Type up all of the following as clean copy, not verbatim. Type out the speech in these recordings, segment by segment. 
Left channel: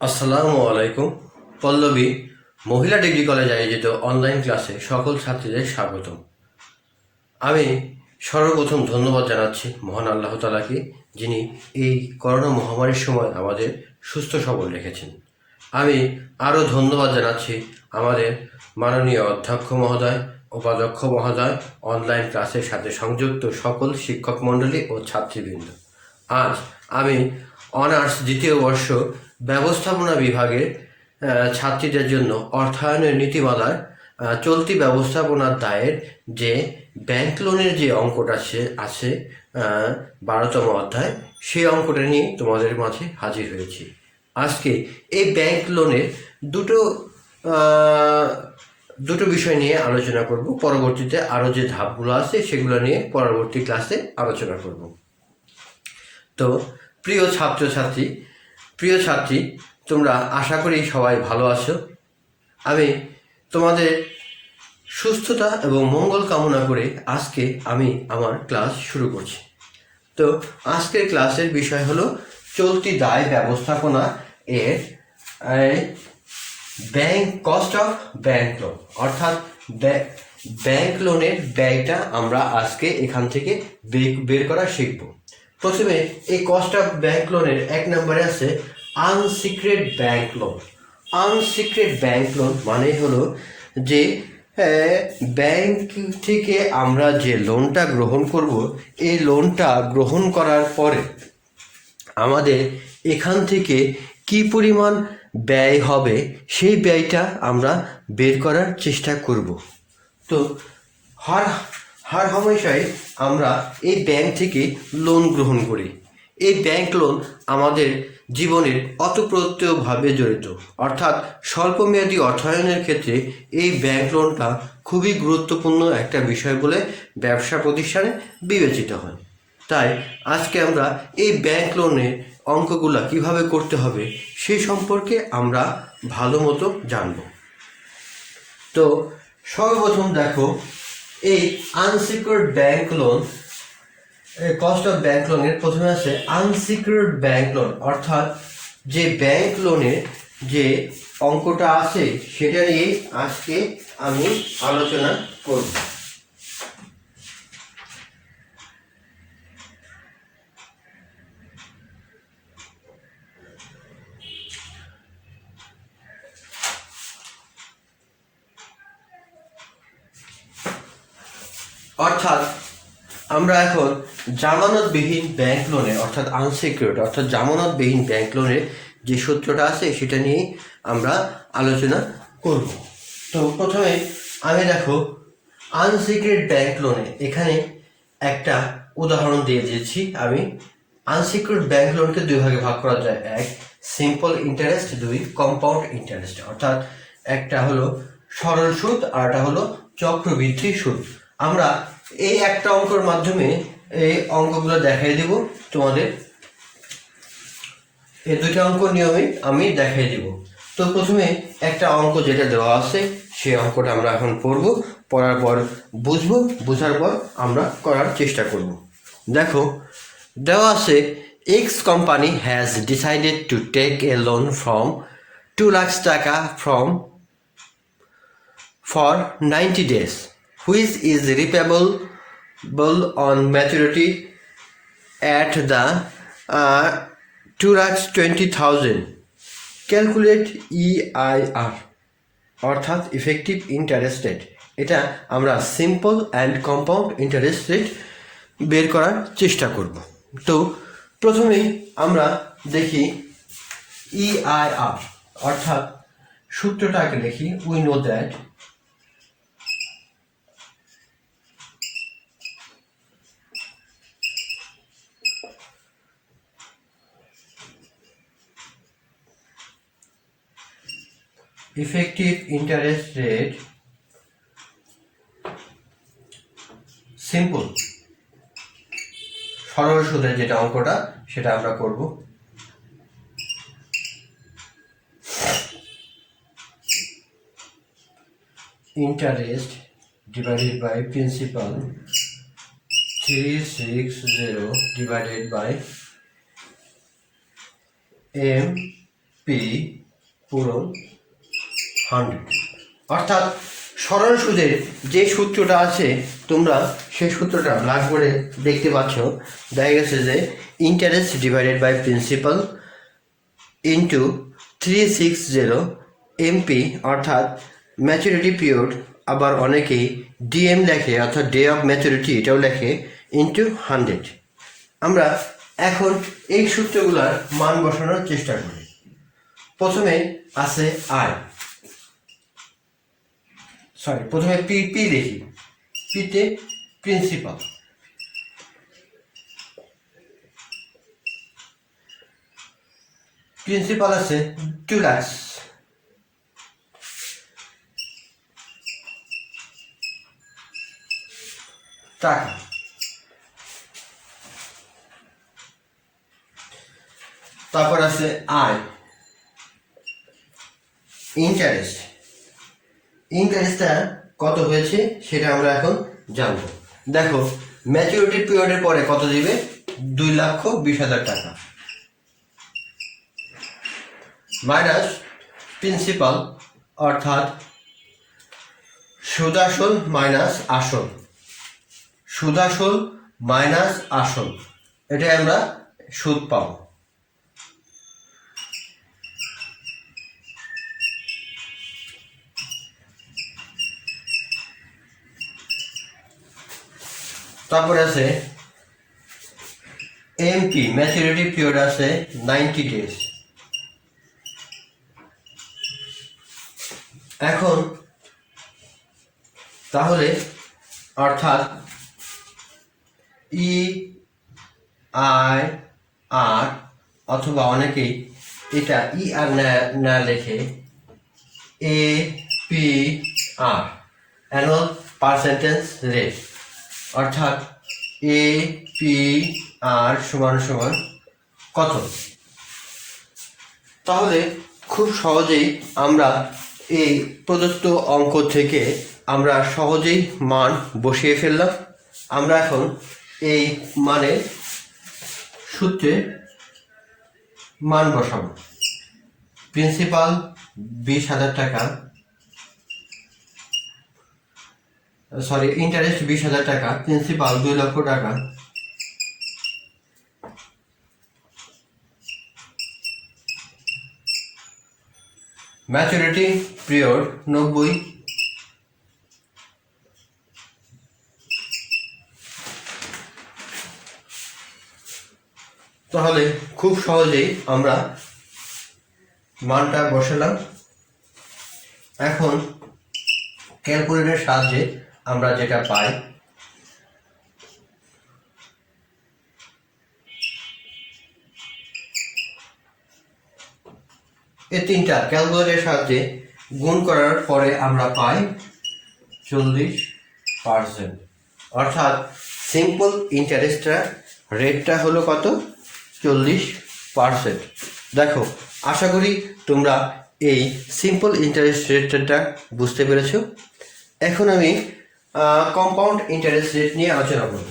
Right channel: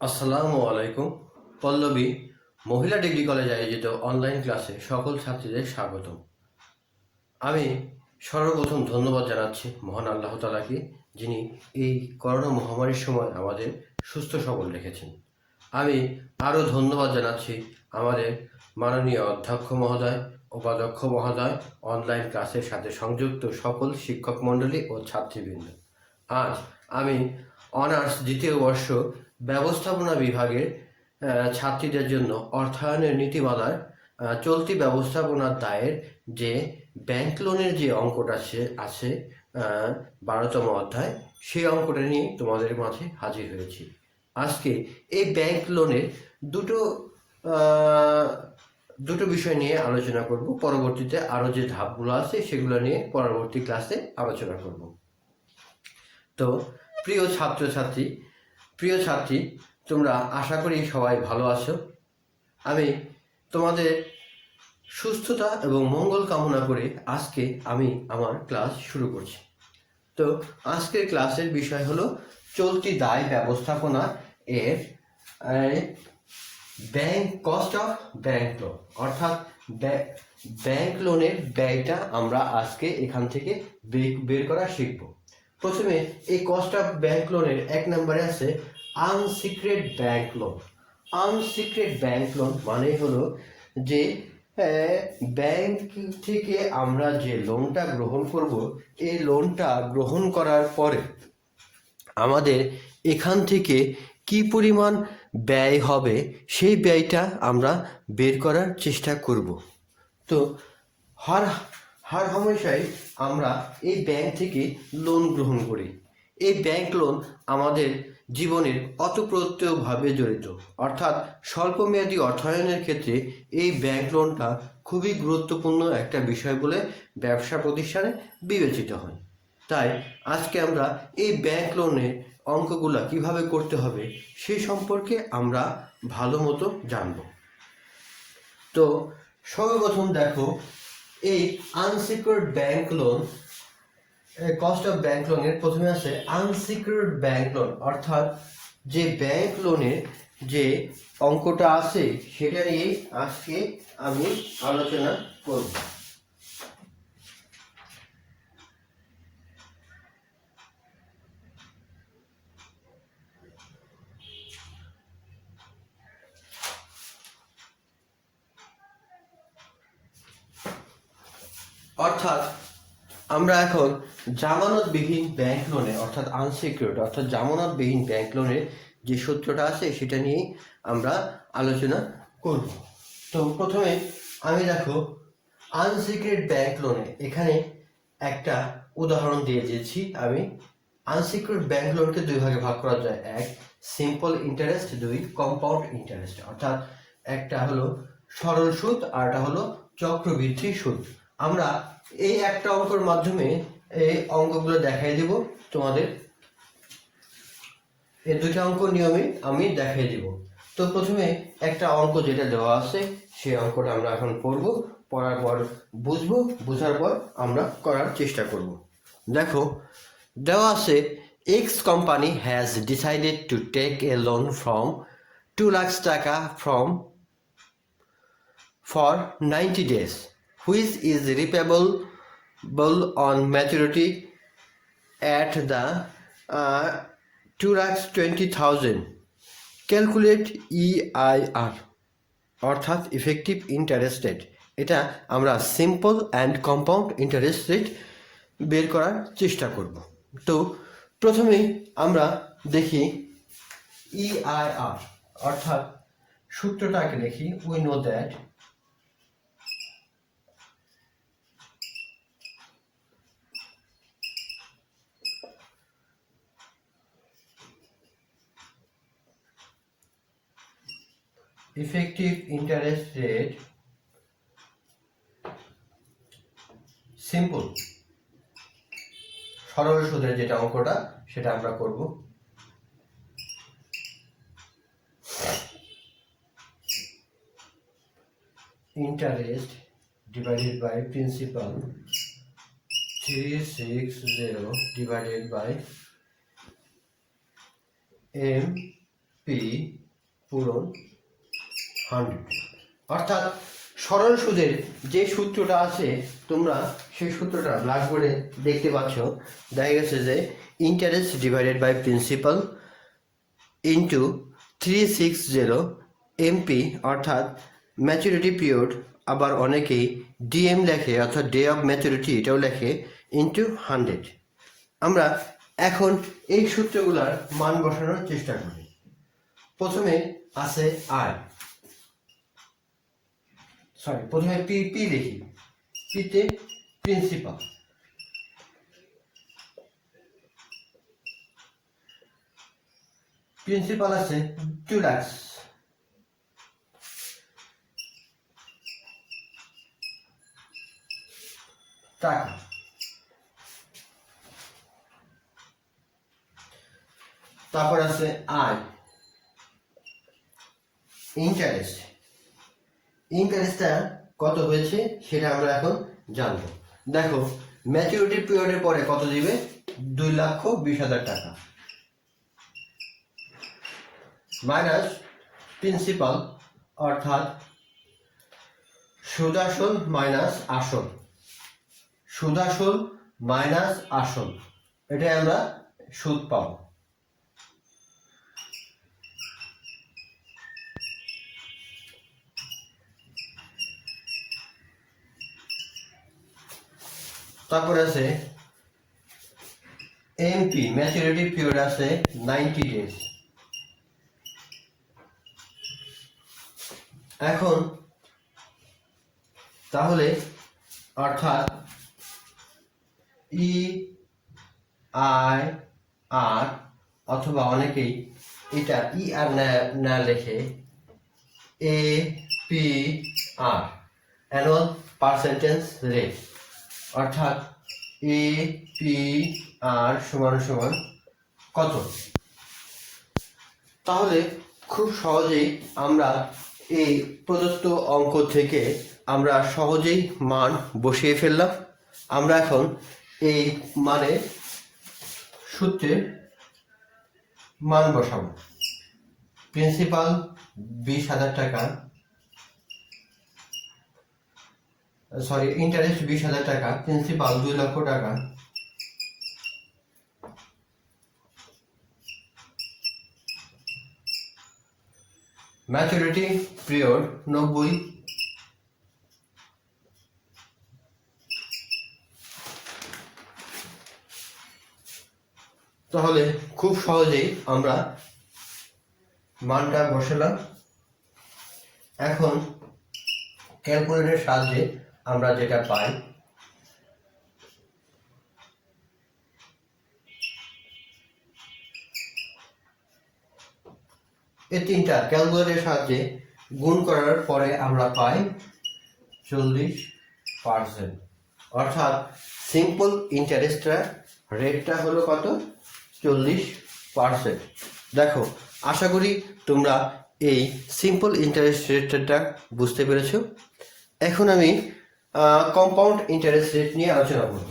আসসালামু আলাইকুম। পল্লবী মহিলা ডিগ্রি কলেজ আয়োজিত অনলাইন ক্লাসে সকল ছাত্রীদের স্বাগতম। আমি সর্বপ্রথম ধন্যবাদ জানাচ্ছি মহান আল্লাহ তাআলাকে, যিনি এই করোনা মহামারীর সময় আমাদের সুস্থ সবল রেখেছেন। আমি আরও ধন্যবাদ জানাচ্ছি আমাদের মাননীয় অধ্যক্ষ মহোদয়, উপাধ্যক্ষ মহোদয়, অনলাইন ক্লাসের সাথে সংযুক্ত সকল শিক্ষক মণ্ডলী ও ছাত্রীবৃন্দ। আজ আমি অনার্স দ্বিতীয় বর্ষ ব্যবস্থাপনা বিভাগের ছাত্রীদের জন্য অর্থায়নের নীতিমালার চলতি ব্যবস্থাপনার দায়ের যে ব্যাংক লোনের যে অঙ্কটা আছে 12তম অধ্যায়, সেই অঙ্কটা নিয়ে তোমাদের মাঝে হাজির হয়েছি। আজকে এই ব্যাংক লোনের দুটো বিষয় নিয়ে আলোচনা করব। পরবর্তীতে আরও যে ধাপগুলো আছে সেগুলো নিয়ে পরবর্তী ক্লাসে আলোচনা করব। তো প্রিয় ছাত্রী, তোমরা আশা করি সবাই ভালো আছো। আমি তোমাদের সুস্থতা এবং মঙ্গল কামনা করে আজকে আমি আমার ক্লাস শুরু করছি। তো আজকের ক্লাসের বিষয় হলো চলতি দায় ব্যবস্থাপনা এর কস্ট অফ ব্যাংক লোন, অর্থাৎ ব্যাংক লোনের ব্যয়টা আমরা আজকে এখান থেকে বের করা শিখব। প্রথমে এই কস্ট অফ ব্যাংক লোনের 1 নম্বরে আছে আনসিক্রেট ব্যাংক লোন। আনসিক্রেট ব্যাংক লোন মানে হলো যে ব্যাংক থেকে আমরা যে লোনটা গ্রহণ করব, এই লোনটা গ্রহণ করার পরে আমাদের এখান থেকে কি পরিমাণ ব্যয় হবে সেই ব্যয়টা আমরা বের করার চেষ্টা করব। তো হার হামেশাই আমরা এই ব্যাংক থেকে লোন গ্রহণ করি। এই ব্যাংক লোন আমাদের জীবনের অতপ্রত্যয়ভাবে জড়িত, অর্থাৎ স্বল্পমেয়াদী অর্থায়নের ক্ষেত্রে এই ব্যাংক লোনটা খুবই গুরুত্বপূর্ণ একটা বিষয় বলে ব্যবসা প্রতিষ্ঠানে বিবেচিত হয়। তাই আজকে আমরা এই ব্যাংক লোনের অঙ্কগুলা কিভাবে করতে হবে সে সম্পর্কে আমরা ভালো মতো জানব। তো সর্বপ্রথম দেখো, এই unsecured bank loan, cost of bank লোনের প্রথমে আছে আনসিকিউরড ব্যাংক লোন, অর্থাৎ যে ব্যাংক লোনের যে অঙ্কটা আছে সেটা নিয়ে আজকে আমি আলোচনা করব। অর্থাৎ আমরা এখন জামানতবিহীন ব্যাংক লোনে, অর্থাৎ আনসিকিউরড অর্থাৎ জামানতবিহীন ব্যাংক লোনের যে সূত্রটা আছে সেটা নিয়ে আমরা আলোচনা করব। তো প্রথমে আমি দেখো আনসিকিউরড ব্যাংক লোনে এখানে একটা উদাহরণ দিয়ে দিয়েছি আমি। আনসিকিউরড ব্যাংক লোনকে 2 ভাগে ভাগ করা যায়। 1 সিম্পল ইন্টারেস্ট, 2 কম্পাউন্ড ইন্টারেস্ট, অর্থাৎ একটা হলো সরল সুদ আর একটা হলো চক্রবৃদ্ধি সুদ। আমরা এই একটা অঙ্কের মাধ্যমে এই অঙ্কগুলো দেখাই দেব তোমাদের। এই দুটো অঙ্ক নিয়মে আমি দেখাই দেব। তো প্রথমে একটা অঙ্ক যেটা দেওয়া আছে সেই অঙ্কটা আমরা এখন পড়ব, পড়ার পর বুঝবো, বোঝার পর আমরা করার চেষ্টা করব। দেখো দেওয়া আছে, X company has decided to take a loan from 2 lakh টাকা for 90 days, which is repayable on maturity at the 2,20,000. Calculate EIR, অর্থাৎ ইফেক্টিভ ইন্টারেস্ট রেট। এটা আমরা simple and compound interest rate বের করার চেষ্টা করব। তো প্রথমেই আমরা দেখি EIR, অর্থাৎ সূত্রটাকে দেখি। We know that effective interest rate simple সরল সুদের যেটা অঙ্কটা সেটা আমরা করব। Interest divided by principal 360 divided by M P পূরণ 100। অর্থাৎ সরল সুদের যে সূত্রটা আছে তোমরা সেই সূত্রটা ব্ল্যাকবোর্ডে দেখতে পাচ্ছ। দেখা গেছে যে interest divided by principal into 360 MP, অর্থাৎ ম্যাচুরিটি পিরিয়ড, আবার অনেকেই ডিএম লেখে অর্থাৎ ডে অফ ম্যাচুরিটি এটাও লেখে, ইন্টু 100। আমরা এখন এই সূত্রগুলার মান বসানোর চেষ্টা করি। প্রথমে আছে প্রথমে পি দেখি। পিতে প্রিন্সিপাল, আছে 2 লাখ। টাকা। তারপর আছে ইন্টারেস্টটা কত হয়েছে সেটা আমরা এখন জানবো। দেখো ম্যাচুরিটি পিরিয়ডের পরে কত দিবে, 2,20,000 টাকা, মাইনাস প্রিন্সিপাল অর্থাৎ সুদাসল মাইনাস আসল, এটাই আমরা সুদ পাবো। তারপরে আছে এমপি, ম্যাচুরিটি পিরিয়ড আছে 90 ডেজ। এখন তাহলে অর্থাৎ EIR, অথবা অনেকেই এটা ER না লেখে APR, অ্যানুয়াল পার্সেন্টেজ রেট, অর্থাৎ APR সমান কত। তাহলে খুব সহজেই আমরা এই প্রদত্ত অঙ্ক থেকে আমরা সহজেই মান বসিয়ে ফেললাম। আমরা এখন এই মানের সূত্রে মান বসাবো। প্রিন্সিপাল 20,000 টাকা, ইন্টারেস্ট 20,000 টাকা, প্রিন্সিপাল 2 লক্ষ টাকা, ম্যাচুরিটি পিরিয়ড 90, তাহলে খুব সহজেই আমরা মানটা বসালাম। এখন ক্যালকুলেটরের সাহায্যে আমরা যেটা পাই, এই তিনটা ক্যালকুলেটরের সাহায্যে গুণ করার পরে আমরা পাই 40%। অর্থাৎ সিম্পল ইন্টারেস্টটা রেটটা হলো কত, 40%। দেখো আশা করি তোমরা এই সিম্পল ইন্টারেস্ট রেটটা বুঝতে পেরেছ। এখন আমি কম্পাউন্ড ইন্টারেস্ট রেট নিয়ে আলোচনা করব।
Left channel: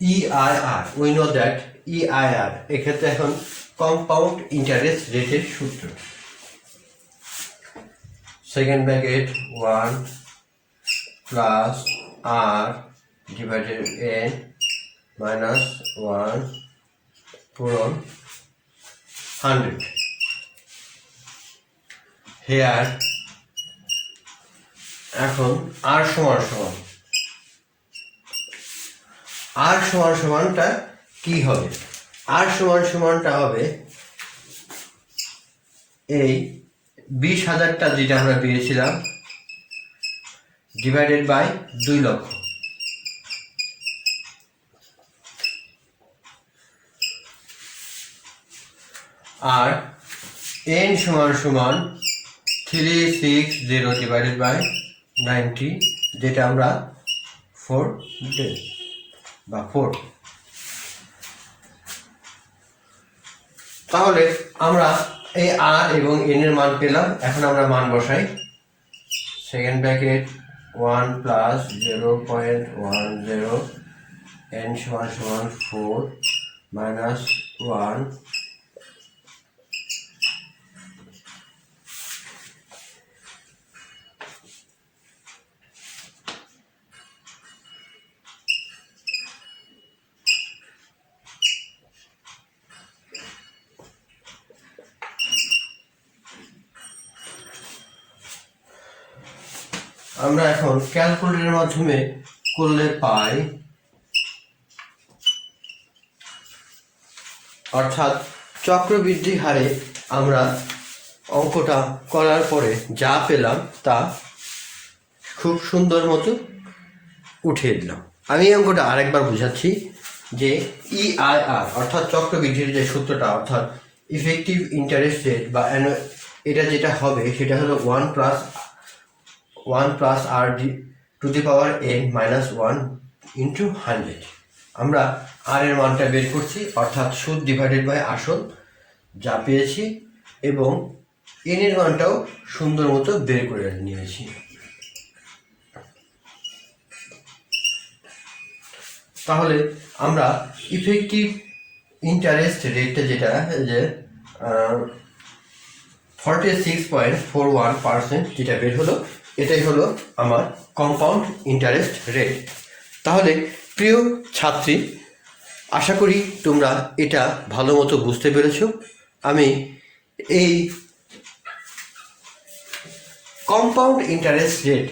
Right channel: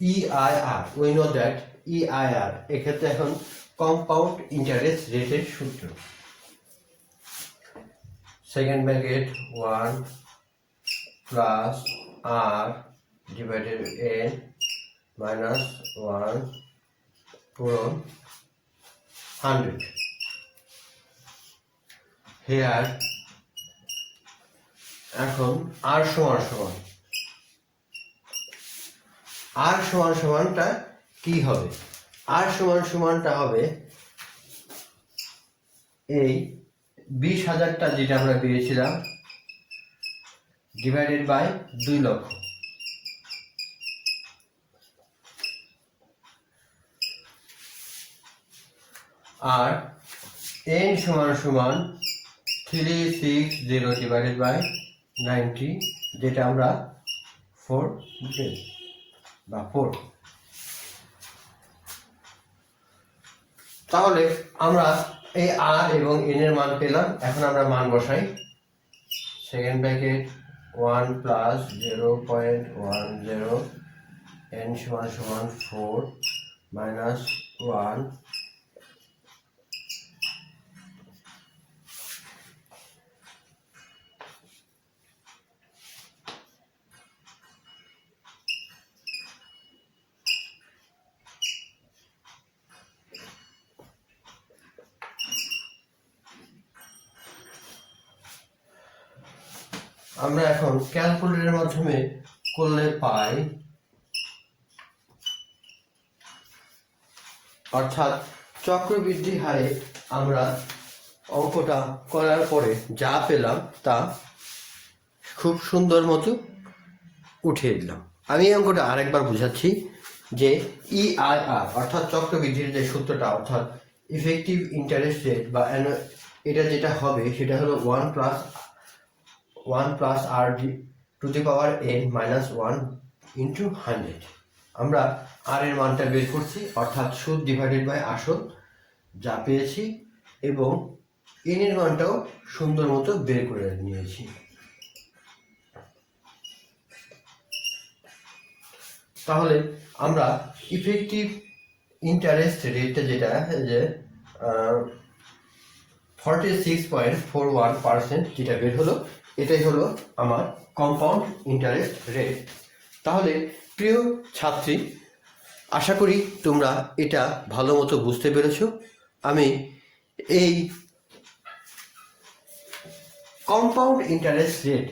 EIR, we know that EIR এক্ষেত্রে এখন কম্পাউন্ড ইন্টারেস্ট রেটের সূত্র, second bracket 1 plus R divided N minus 1 পূরণ 100। হেয়ার এখন R সমানটা কি হবে, R সমানটা হবে এই 20,000টা যেটা আমরা পেয়েছিলাম ডিভাইডেড বাই 2 লক্ষ, আর N সমান 360 ডিভাইডেড বাই 90, যেটা আমরা 4 ডেজ বা 4। তাহলে আমরা এই আর এবং এন এর মান পেলাম, এখন আমরা মান বসাই। সেকেন্ড ব্র্যাকেট 1 প্লাস 0.10 n সমান সমান 4 মাইনাস 1 আমরা এখন ক্যালকুলেটরের মাধ্যমে করলে পাই, অর্থাৎ চক্রবৃদ্ধি হারে আমরা অঙ্কটা করার পরে যা পেলাম তা খুব সুন্দর মতো উঠিয়ে দিলাম। আমি এই অঙ্কটা আরেকবার বুঝাচ্ছি যে ইআইআর অর্থাৎ চক্রবৃদ্ধির যে সূত্রটা, অর্থাৎ ইফেক্টিভ ইন্টারেস্ট রেট বা এটা যেটা হবে সেটা হলো 1 plus r d to the power n minus 1 into 100। আমরা আর এর মানটা বের করছি, অর্থাৎ সুদ ডিভাইডেড বাই আসল যা পেয়েছি, এবং এন এর মানটাও সুন্দর মতো বের করে নিয়েছি। তাহলে আমরা ইফেক্টিভ ইন্টারেস্ট রেটটা যেটা যে 46.41% যেটা বের হলো, এটাই হলো আমার কম্পাউন্ড ইন্টারেস্ট রেট। তাহলে প্রিয় ছাত্রী, আশা করি তোমরা এটা ভালো মতো বুঝতে পেরেছ। আমি এই কম্পাউন্ড ইন্টারেস্ট রেট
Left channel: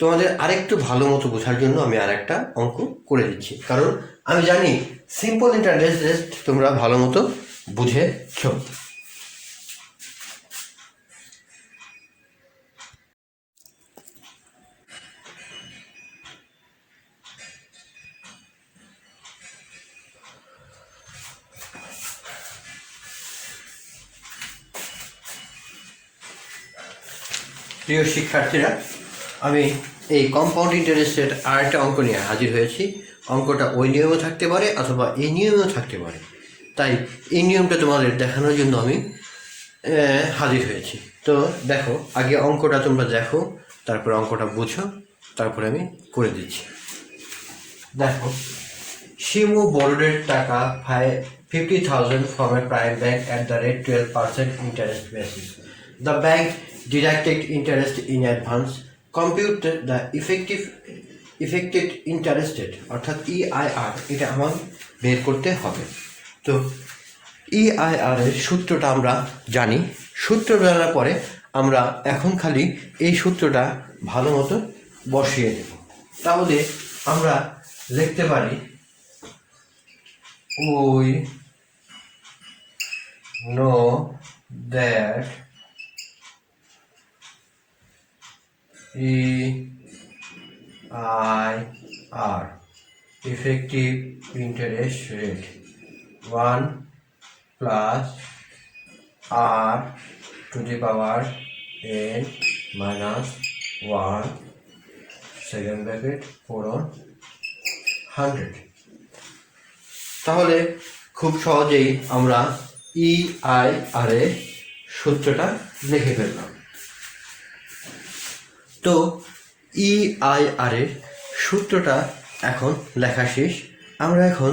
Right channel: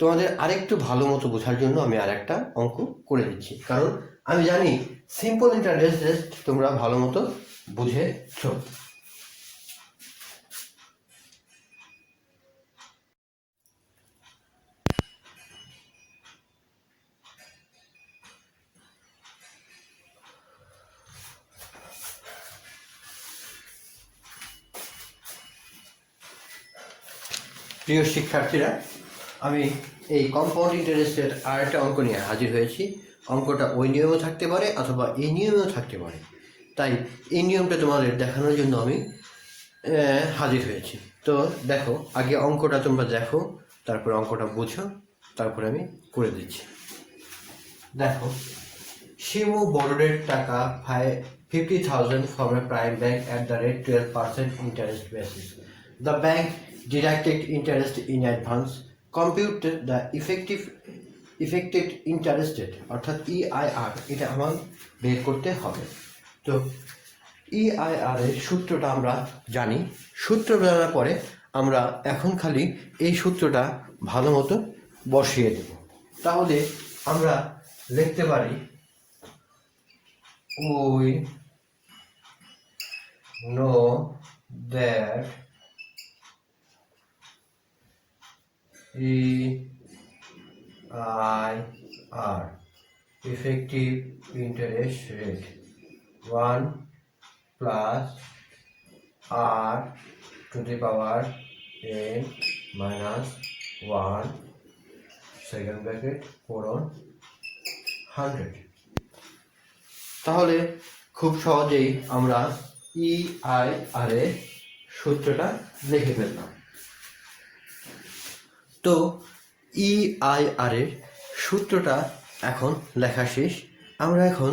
তোমাদের আরেকটু ভালো মতো বোঝার জন্য আমি আরেকটা অঙ্ক করে দিচ্ছি, কারণ আমি জানি সিম্পল ইন্টারেস্ট রেট তোমরা ভালো মতো বুঝেছ। প্রিয় শিক্ষার্থীরা, আমি এই কম্পাউন্ড ইন্টারেস্ট রেট আরেকটা অঙ্ক নিয়ে হাজির হয়েছি। অঙ্কটা ওই নিয়মেও থাকতে পারে অথবা এই নিয়মেও থাকতে পারে, তাই এই নিয়মটা তোমাদের দেখানোর জন্য আমি হাজির হয়েছি। তো দেখো, আগে অঙ্কটা তোমরা দেখো, তারপর অঙ্কটা বুঝো, তারপরে আমি করে দিচ্ছি। দেখো, শিমু borrowed টাকা 50,000 from a prime bank at the rate 12% interest basis. The bank deducted interest in advance. Compute the effective interest rate, অর্থাৎ EIR, এটা আমার বের করতে হবে। তো EIR এর সূত্রটা আমরা জানি। সূত্র জানার পরে আমরা এখন খালি এই সূত্রটা ভালো মতো বসিয়ে দেব। তাহলে আমরা লিখতে পারি we know that EIR effective interest rate 1 plus R to the power n minus 1 second bracket 4/100। তাহলে খুব সহজেই আমরা EIR এর সূত্রটা লিখে ফেললাম। তো EIR এর সূত্রটা এখন লেখা শেষ। আমরা এখন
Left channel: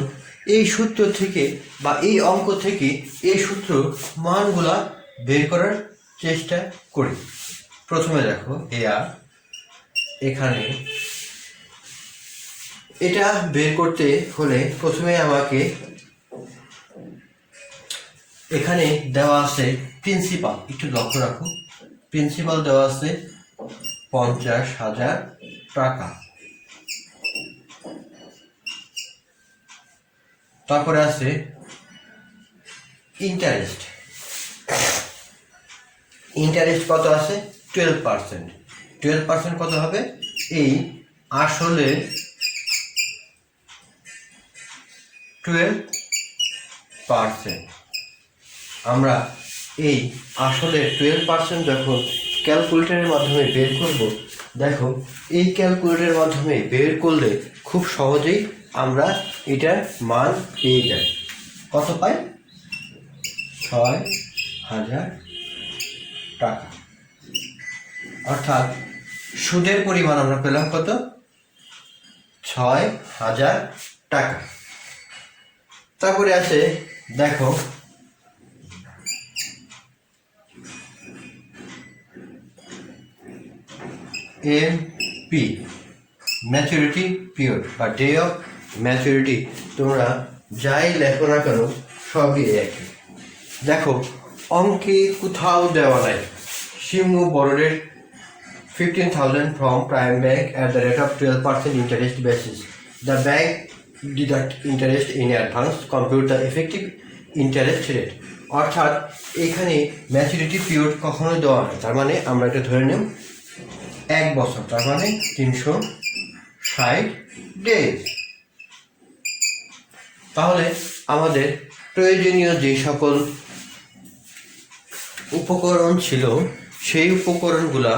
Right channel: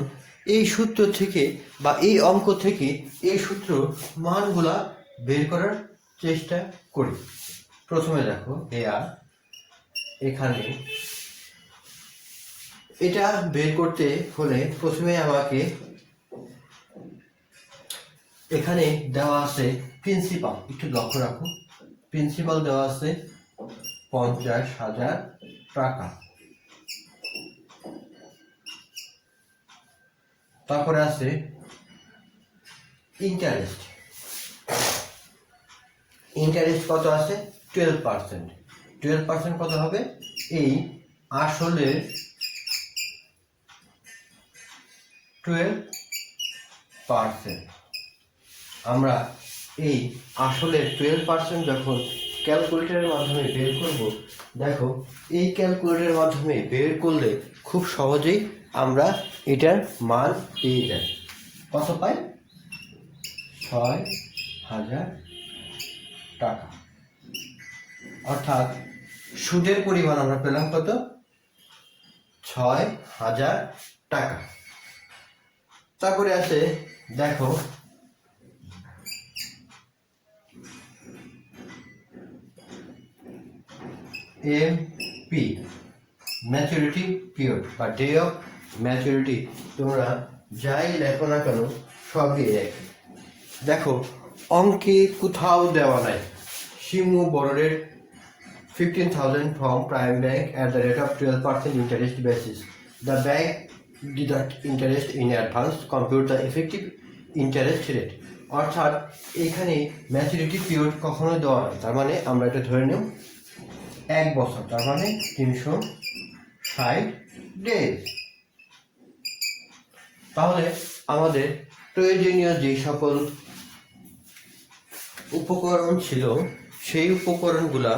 এই সূত্র থেকে বা এই অঙ্ক থেকে এই সূত্র মানগুলা বের করার চেষ্টা করি। প্রথমে দেখো AR, এখানে এটা বের করতে হলে প্রথমে আমাকে এখানে দেওয়া আছে প্রিন্সিপাল, একটু লক্ষ্য রাখো, প্রিন্সিপাল দেওয়া আছে 50,000 টাকা। তারপরে আছে ইন্টারেস্ট, ইন্টারেস্ট কত আছে 12%। 12% কত হবে? এই আসলে 12%। আমরা এই আসলে 12% যখন ক্যালকুলেটরের মাধ্যমে বের করব, দেখো এই ক্যালকুলেটরের মাধ্যমে বের করলে খুব সহজেই আমরা এটার মান পেয়ে যাই। কত পাই? 6,000 টাকা। অর্থাৎ সুদের পরিমাণ আমরা পেলাম কত? 6,000 টাকা। তারপরে আছে দেখো MP, ম্যাচুরিটি পিরিয়ড বা ডে অফ ম্যাচুরিটি। তোমরা যাই লেখো না কেন সবই একই। দেখো অঙ্কে কোথাও দেওয়া নাই সিংহ বড়ের 15,000 from prime bank at the rate of 12% interest basis. The bank deduct interest in advance, compute the effective interest rate. অর্থাৎ এখানে ম্যাচুরিটি পিরিয়ড কখনো দেওয়া হয়, তার মানে আমরা এটা ধরে নিব 1 বছর, তার মানে 360 ডেজ। তাহলে আমাদের প্রয়োজনীয় যে সকল উপকরণ ছিল সেই উপকরণগুলা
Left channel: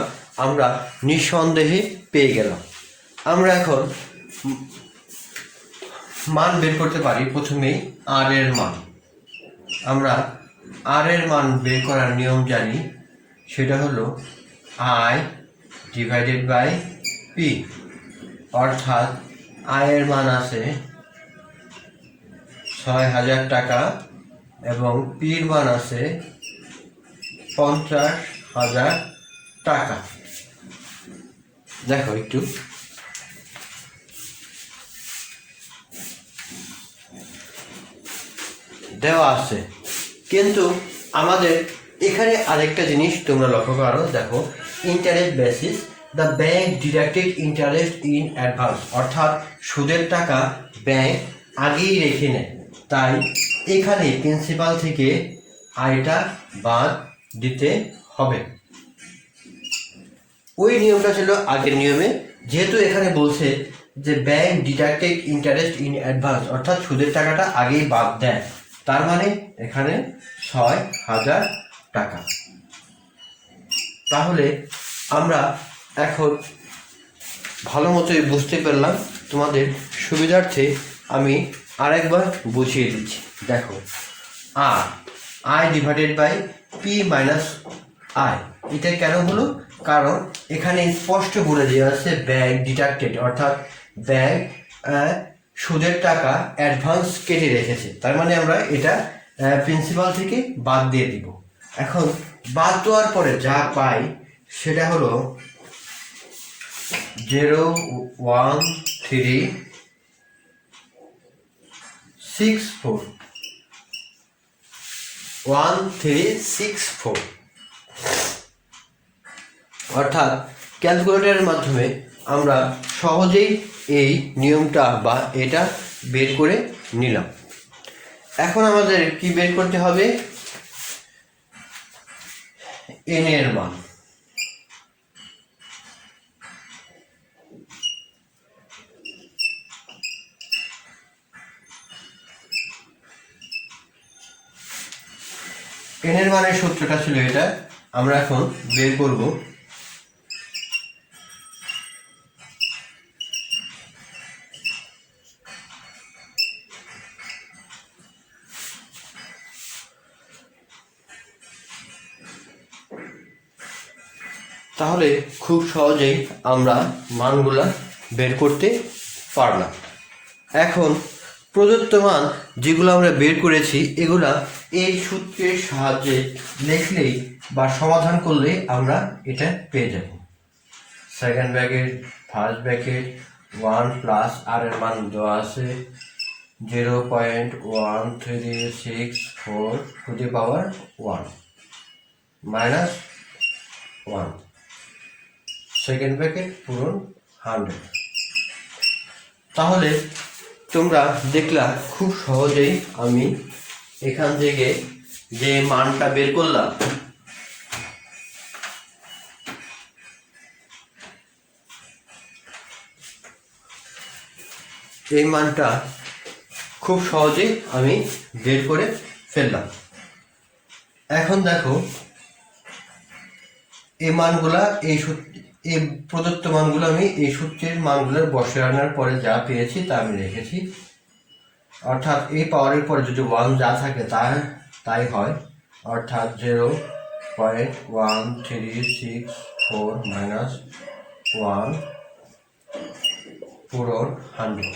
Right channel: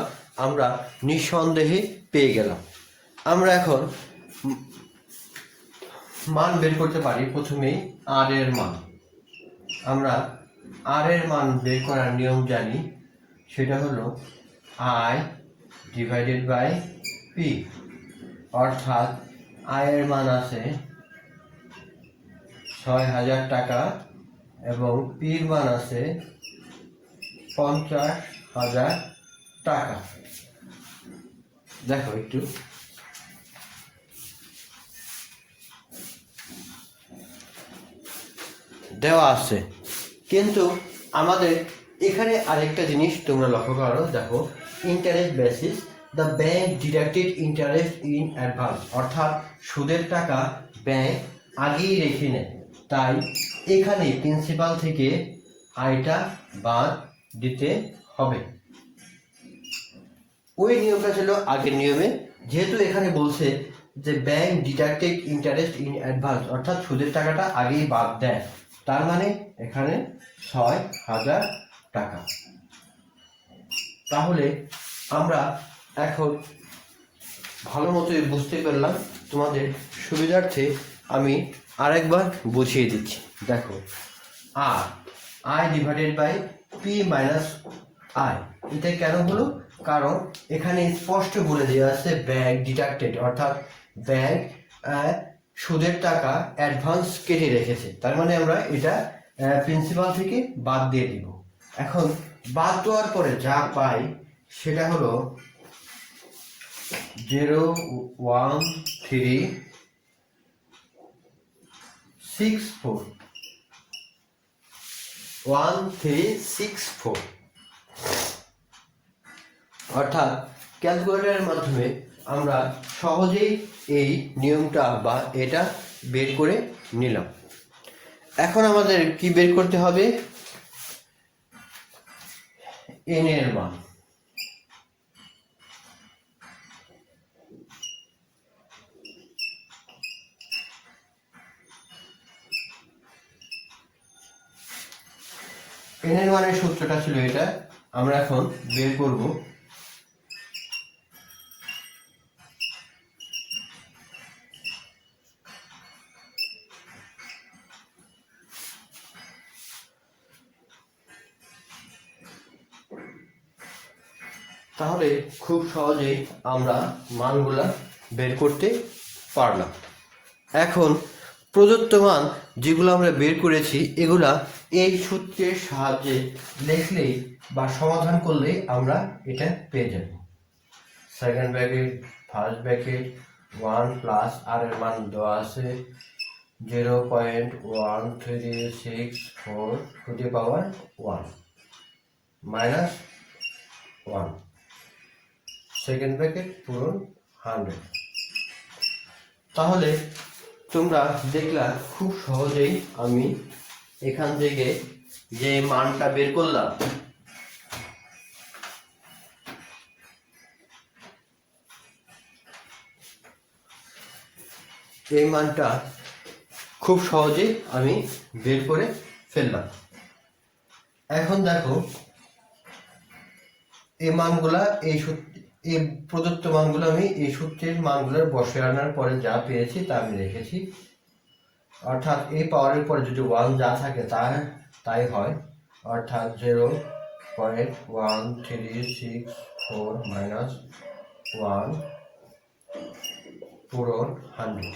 আমরা নিঃসন্দেহে পেয়ে গেলাম। আমরা এখন মান বের করতে পারি। প্রথমেই আর এর মান, আমরা আর এর মান বের করার নিয়ম জানি, সেটা হলো আই ডিভাইডেড বাই পি। অর্থাৎ আয়ের মান আছে 6,000 টাকা এবং পির মান আছে 50,000 টাকা। দেখো একটু দেওয়া আছে, কিন্তু আমাদের এখানে আরেকটা জিনিস তোমরা লক্ষ্য করো। দেখো interest basis, the bank deducted interest in advance. অর্থাৎ সুদের টাকা ব্যাংক আগেই রেখে নেয়, তাই এখানে প্রিন্সিপাল থেকে আয়টা বাদ দিতে হবে। ওই নিয়মটা ছিল আগের নিয়মে, যেহেতু এখানে বলছে যে bank deducted interest in advance, অর্থাৎ সুদের টাকাটা আগেই বাদ দেয়, তার মানে এখানে 6,000 টাকা। তাহলে আমরা এখন ভালো মতোই বুঝতে পারলাম। তোমাদের সুবিধার্থে আমি আরেকবার বুঝিয়ে দিচ্ছি। দেখো আর I divided by P minus I, এটা কেন হলো? কারণ এখানে স্পষ্ট বলে দেওয়া আছে ব্যাংক ডিডাক্টেড, অর্থাৎ ব্যাংক সুদের টাকা অ্যাডভান্স কেটে রেখেছে, তার মানে আমরা এটা প্রিন্সিপাল থেকে বাদ দিয়ে দিব। এখন বাদ দেওয়ার পরে যা পাই সেটা হলো 0.1364 অর্থাৎ ক্যালকুলেটরের মাধ্যমে আমরা সহজেই এই নিয়মটা বা এটা বের করে নিলাম। এখন আমাদের কি বের করতে হবে? এন এর মান। এন এর মানের সূত্রটা ছিল এটা, আমরা এখন বের করব। তাহলে খুব সহজেই আমরা মানগুলা বের করতে পারলাম। এখন প্রদত্ত মান যেগুলো আমরা বের করেছি এগুলা এই সূত্রের সাহায্যে লিখলেই বা সমাধান করলে আমরা এটা পেয়ে যাব। Second bracket first bracket 1 plus R এর মান দেওয়া আছে 0.1364 to the power 1 minus 1, second bracket পূরণ 100। তাহলে তোমরা দেখলা খুব সহজেই আমি এখান থেকে যে মানটা বের করলাম এই মানটা খুব সহজেই আমি বের করে ফেললাম। এখন দেখো এই মানগুলা এই প্রদত্ত মানগুলো আমি এই সূত্রের মানগুলোর বসে আনার পরে যা পেয়েছি তা আমি রেখেছি। অর্থাৎ এই পাওয়ারের পরে যদি 1 যা থাকে তাই হয়, অর্থাৎ 0.1364 মাইনাস 1 পূরণ 100।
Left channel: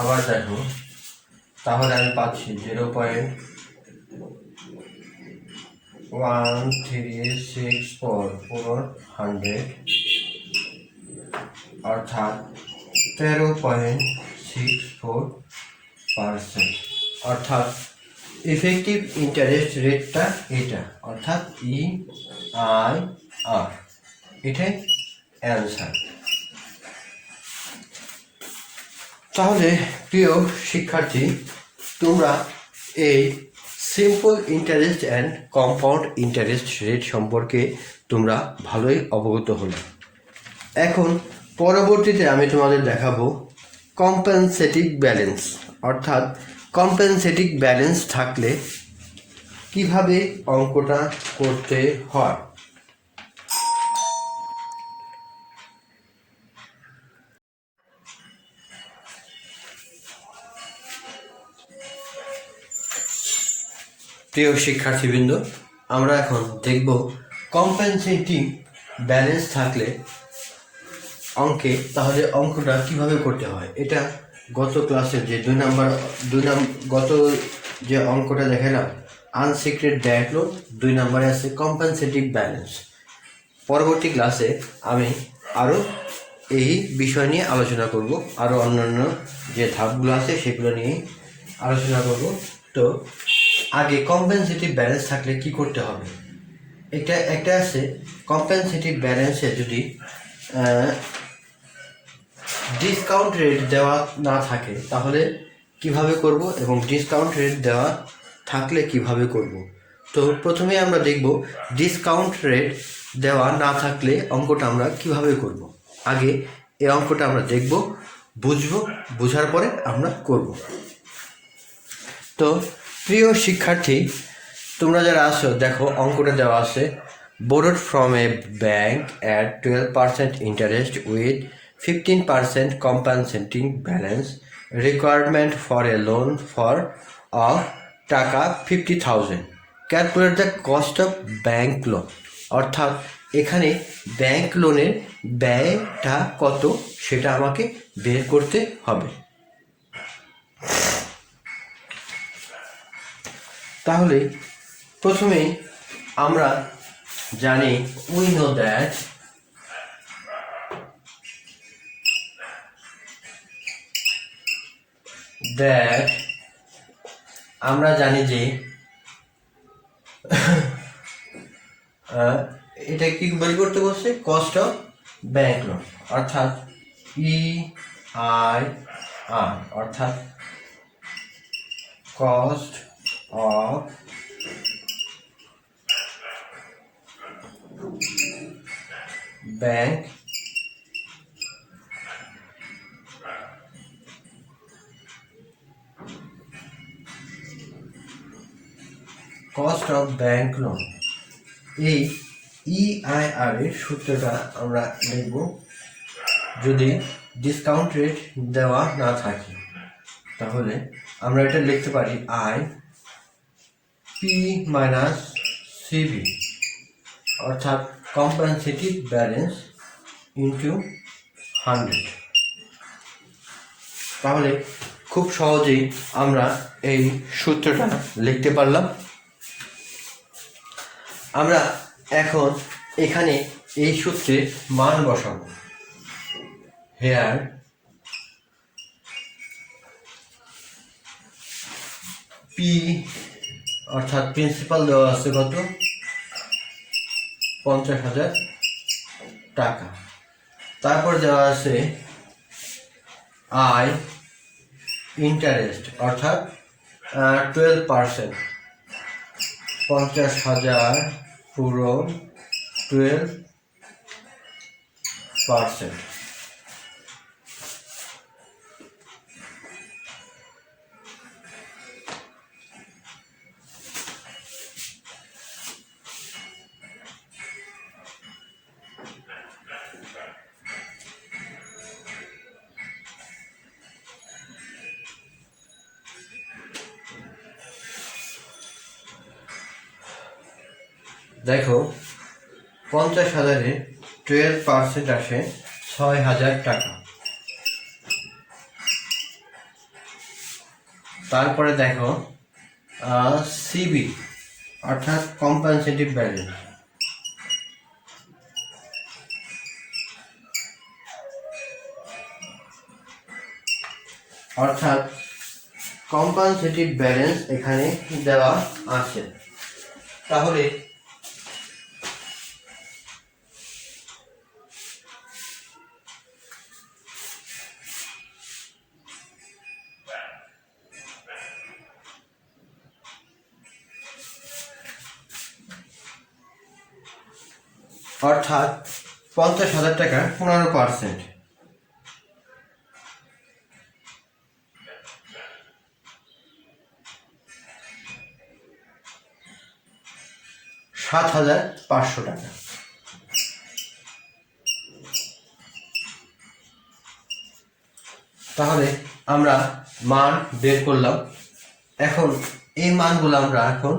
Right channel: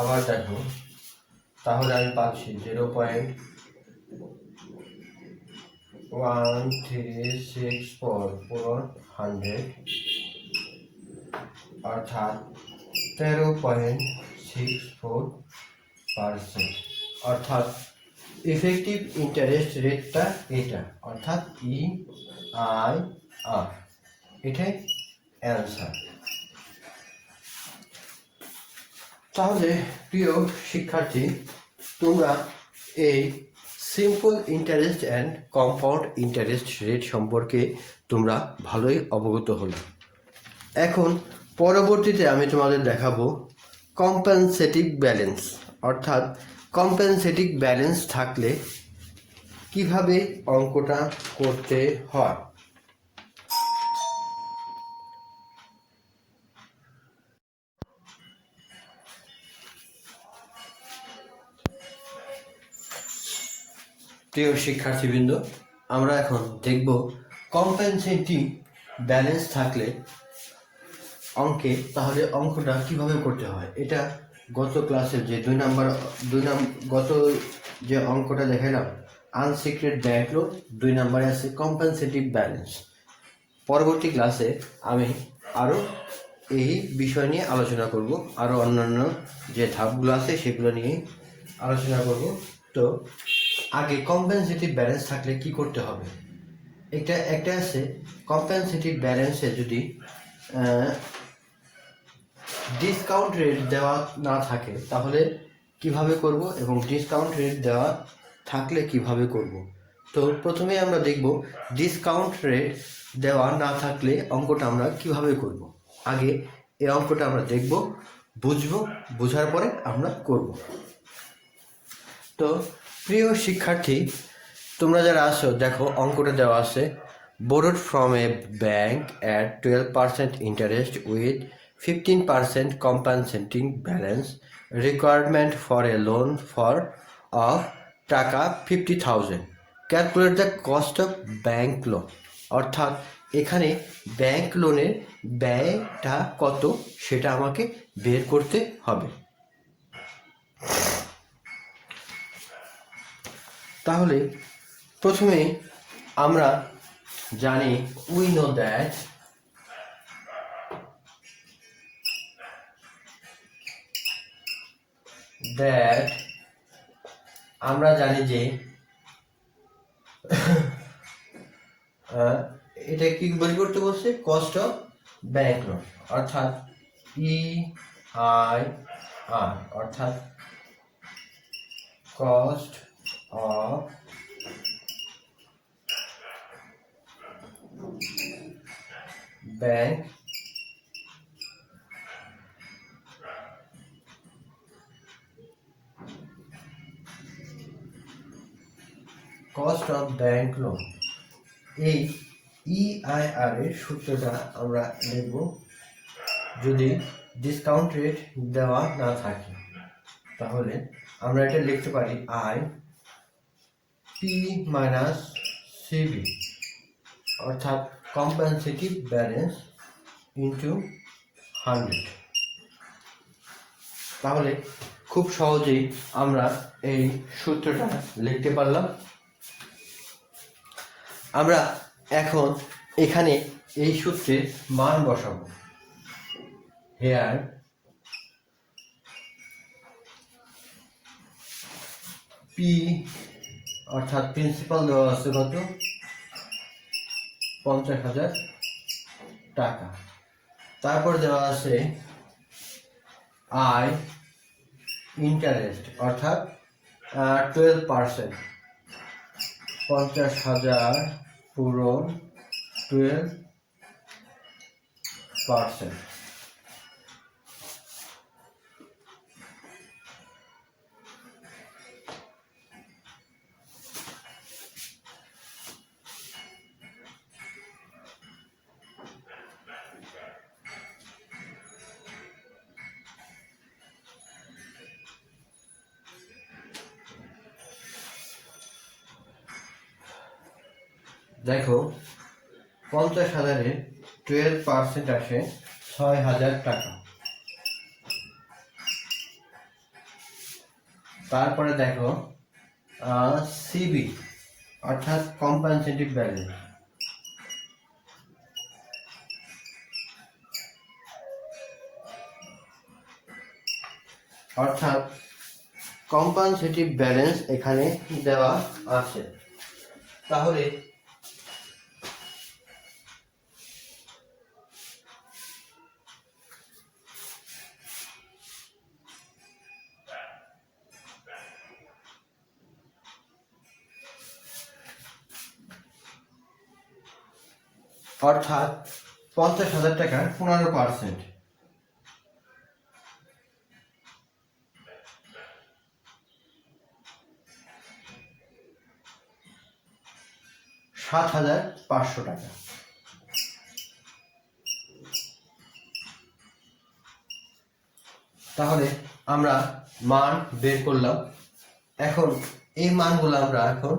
আবার দেখো, তাহলে আমি পাচ্ছি 0.1364 পূরণ 100 অর্থাৎ 13.64%। অর্থাৎ ইফেক্টিভ ইন্টারেস্ট রেটটা এটা, অর্থাৎ EIR, এটাই অ্যান্সার। তাহলে প্রিয় শিক্ষার্থী, তোমরা এই simple interest and compound interest rate সম্পর্কে তোমরা ভালোই অবগত হলে। এখন পরবর্তীতে আমি তোমাদের দেখাবো কম্পেনসেটিভ ব্যালেন্স, অর্থাৎ কম্পেনসেটিভ ব্যালেন্স থাকলে কিভাবে অঙ্কটা করতে হয়। প্রিয় শিক্ষার্থীবৃন্দ, আমরা এখন দেখব কম্পেনসেটিং ব্যালেন্স থাকলে অঙ্কে তাহলে অঙ্কটা কিভাবে করতে হয়। এটা গত ক্লাসে যে গত যে অঙ্কটা দেখালাম আনসিক্রেট ব্যাংক লোন, 2 নম্বরে আছে কম্পেনসেটিভ ব্যালেন্স। পরবর্তী ক্লাসে আমি আরও এই বিষয় নিয়ে আলোচনা করব, আরও অন্যান্য যে ধাপগুলো আছে সেগুলো নিয়ে আলোচনা করব। তো আগে কম্পেনসেটিভ ব্যালেন্স থাকলে কি করতে হবে। একটা আছে কম্পেনসেটিভ ব্যালেন্সে যদি ডিসকাউন্ট রেট দেওয়া না থাকে তাহলে কিভাবে করব, এবং ডিসকাউন্ট রেট দেওয়া থাকলে কিভাবে করব। তো প্রথমে আমরা দেখব ডিসকাউন্ট রেট দেওয়া না থাকলে অঙ্কটা আমরা কিভাবে করব। আগে এই অঙ্কটা আমরা দেখব, বুঝবো, বোঝার পরে আমরা করব। তো প্রিয় শিক্ষার্থী, তোমরা যারা আছো দেখো অঙ্কটা দেওয়া আছে, borrowed from a bank at 12% interest with 15% compensating balance, requirement for a loan for of টাকা 50,000, calculate the cost of bank loan। অর্থাৎ এখানে ব্যাংক লোনের ব্যয়টা কত সেটা আমাকে বের করতে হবে। তাহলে প্রথমেই আমরা জানি we know that আমরা জানি যে এটা কি বের করতে বলছে, কস্ট অফ ব্যাংক লোন, অর্থাৎ EIR, অর্থাৎ cost of bank cost of bank loan. এই EIR এর সূত্রটা আমরা দেখব যদি ডিসকাউন্ট রেট দেওয়া না থাকে, তাহলে আমরা এটা লিখতে পারি IP মাইনাস CV, অর্থাৎ কম্পেনসেটিভ ব্যালেন্স ইন্টু 100। তাহলে খুব সহজেই আমরা এই সূত্রটা লিখতে পারলাম। আমরা এখন এখানে এই সূত্রে মান বসাবো। হেয়ার P অর্থাৎ প্রিন্সিপাল দেওয়া আছে কত, 50,000 টাকা। তারপর দেওয়া আছে I ইন্টারেস্ট, অর্থাৎ 12%, 50,000 পূরণ 12%। দেখো 50,000-এ 12% আসে 6,000 টাকা। তারপরে দেখো সিবি অর্থাৎ কম্পেনসেটিভ ব্যালেন্স, অর্থাৎ কম্পেনসেটিভ ব্যালেন্স এখানে দেওয়া আছে। তাহলে অর্থাৎ 50,000 টাকার 15%, $7,500 টাকা। তাহলে আমরা মান বের করলাম। এখন এই মানগুলো আমরা এখন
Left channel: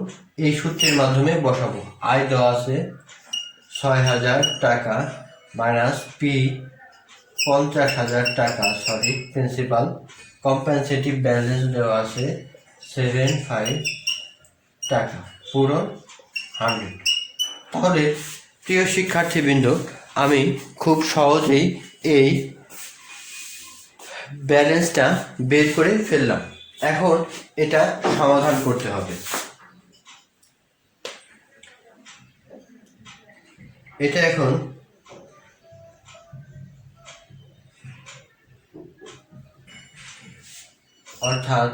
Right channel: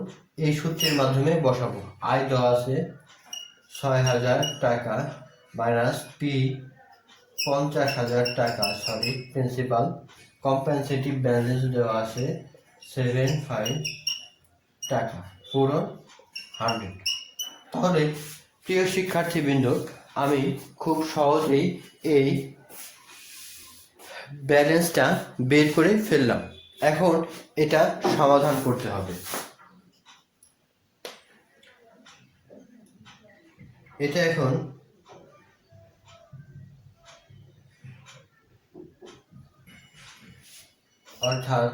এই সূত্রের মাধ্যমে বসাবো। আয় দেওয়া আছে 6,000 টাকা মাইনাস পি 50,000 টাকা, প্রিন্সিপাল। কম্পেনসেটিভ ব্যালেন্স দেওয়া আছে 75 টাকা, পুরো 100। তাহলে প্রিয় শিক্ষার্থীবৃন্দ, আমি খুব সহজেই এই ব্যালেন্সটা বের করে ফেললাম। এখন এটা সমাধান করতে হবে। এটা এখন অর্থাৎ